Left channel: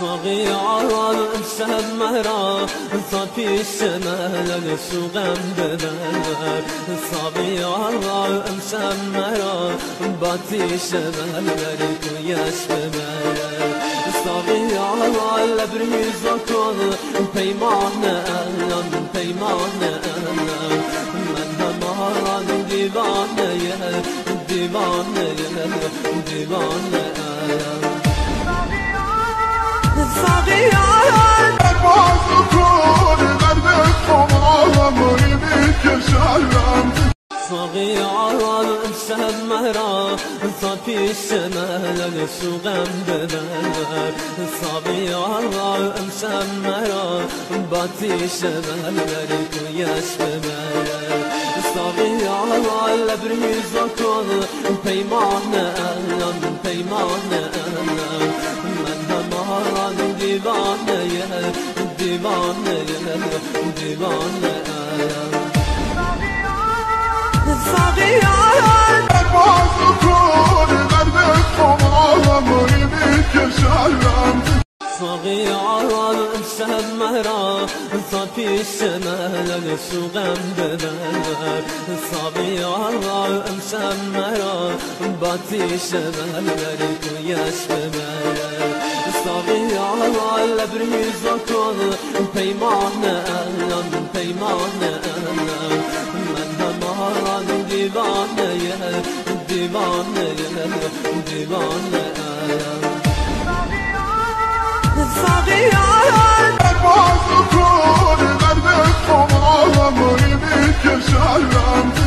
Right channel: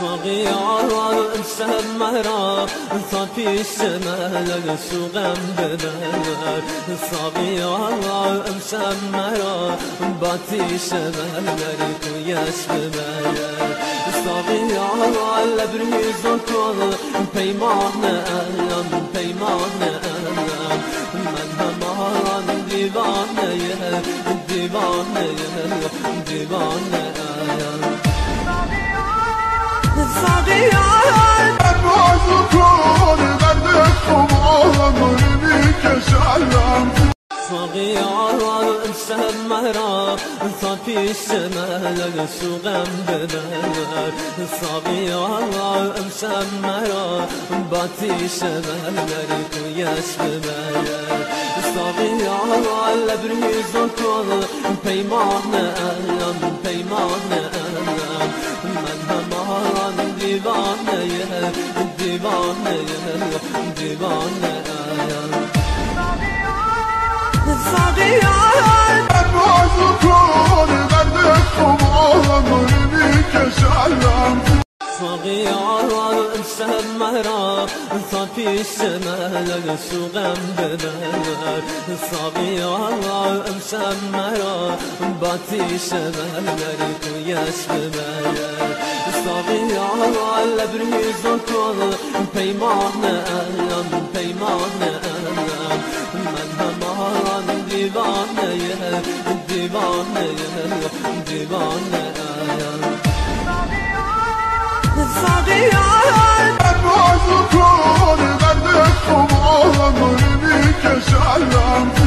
ساقی آرام امشب مرا تا پیش ملل سوغم ببر. ساقی آرام امشب مرا با تیش ملل کویش ببر. ساقی آرام لبریز کن پیمان علم پیمان علم. من همان دیوانه دیوانه دیوانه علم. ساقی آرام پروازو کن درد خمارم میکشم. ساقی آرام امشب مرا تا پیش ملل سوغم ببر. ساقی آرام امشب مرا با تیش ملل کویش ببر. ساقی آرام لبریز کن پیمان علم پیمان علم. من همان دیوانه دیوانه دیوانه علم. ساقی آرام پروازو کن درد خمارم میکشم. ساقی آرام امشب مرا تا پیش ملل سوغم ببر. ساقی آرام امشب مرا با تیش ملل کویش ببر. ساقی آرام لبریز کن پیمان علم پیمان علم. من همان دیوانه دیوانه دیوانه علم. ساقی آرام پروازو کن درد خمارم میکشم.